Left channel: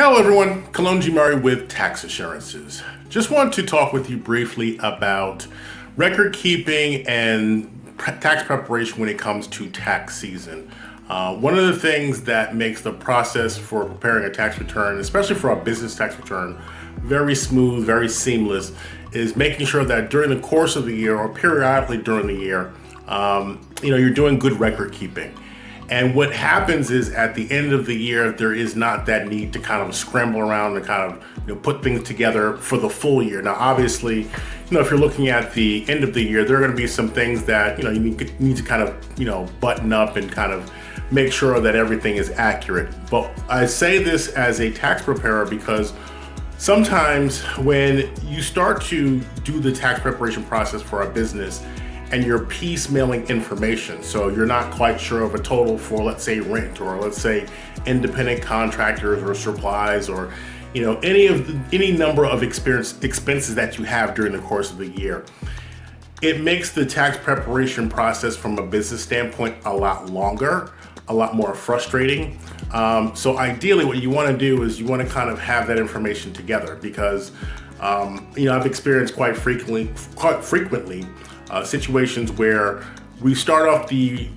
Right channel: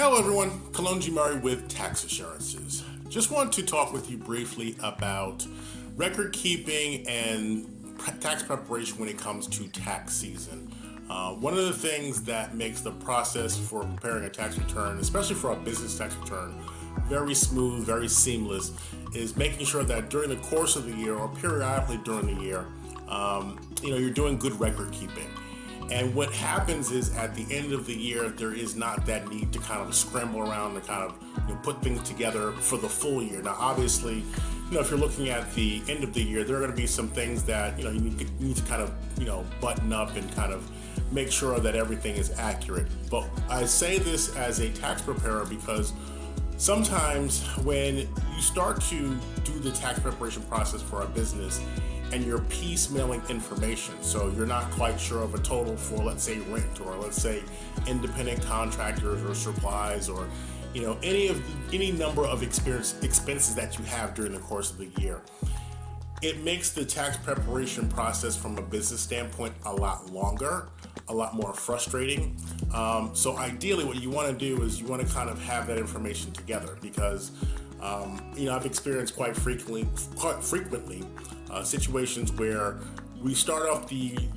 Hello everyone, Kolonji Murray with TaxAssurances. Just want to talk with you briefly about record keeping and tax preparation when it comes to tax season. One of the things that makes the process for preparing a tax return, especially for a business tax return, very smooth, very seamless, is making sure that during the course of the year or periodically during the year, you're doing good record keeping. And what happens is at the end of the year, there is not that need to kind of scramble around and kind of put things together for the full year. Now, obviously, if you're looking at the end of the year, there are going to be some things that you need to kind of button up and kind of make sure that everything is accurate. But I say this as a tax preparer because sometimes when you start to do the tax preparation process for a business and you're piecemealing information, so you're not quite sure of a total for, let's say, rent, or let's say independent contractors or supplies, or any number of expenses that you have during the course of the year. It makes the tax preparation process from a business standpoint a lot longer, a lot more frustrating. So ideally what you want to do is you want to kind of have that information together because I've experienced quite frequently situations where we start off the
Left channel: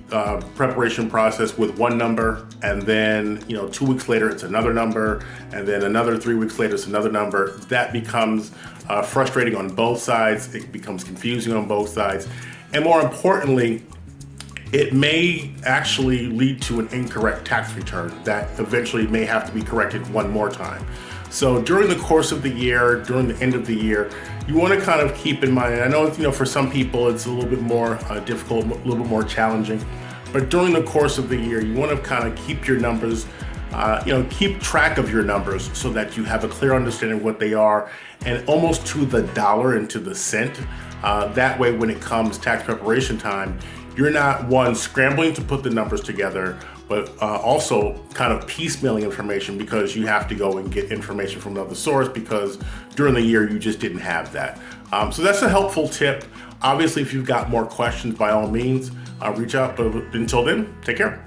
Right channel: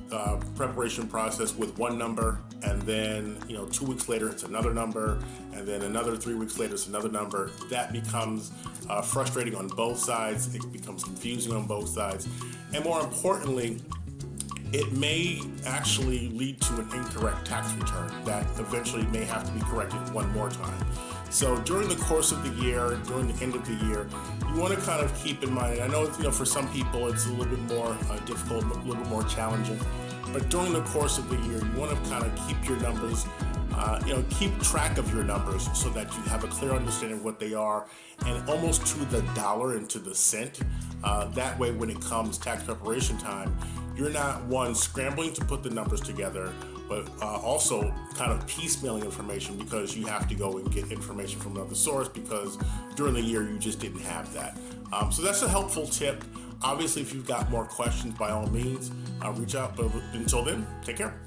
preparation process with one number, and then 2 weeks later it's another number, and then another 3 weeks later it's another number. That becomes frustrating on both sides. It becomes confusing on both sides, and more importantly, it may actually lead to an incorrect tax return that eventually may have to be corrected one more time. So during the course of the year, during the end of the year, you want to kind of keep in mind, and I know for some people it's a little bit more difficult, a little bit more challenging, but during the course of the year, you want to kind of keep your numbers, keep track of your numbers so that you have a clear understanding of what they are, and almost to the dollar and to the cent. That way, when it comes tax preparation time, you're not, one, scrambling to put the numbers together, but also kind of piecemealing information because you have to go and get information from another source because during the year you just didn't have that. So that's a helpful tip. Obviously, if you've got more questions, by all means, reach out. But until then, take care.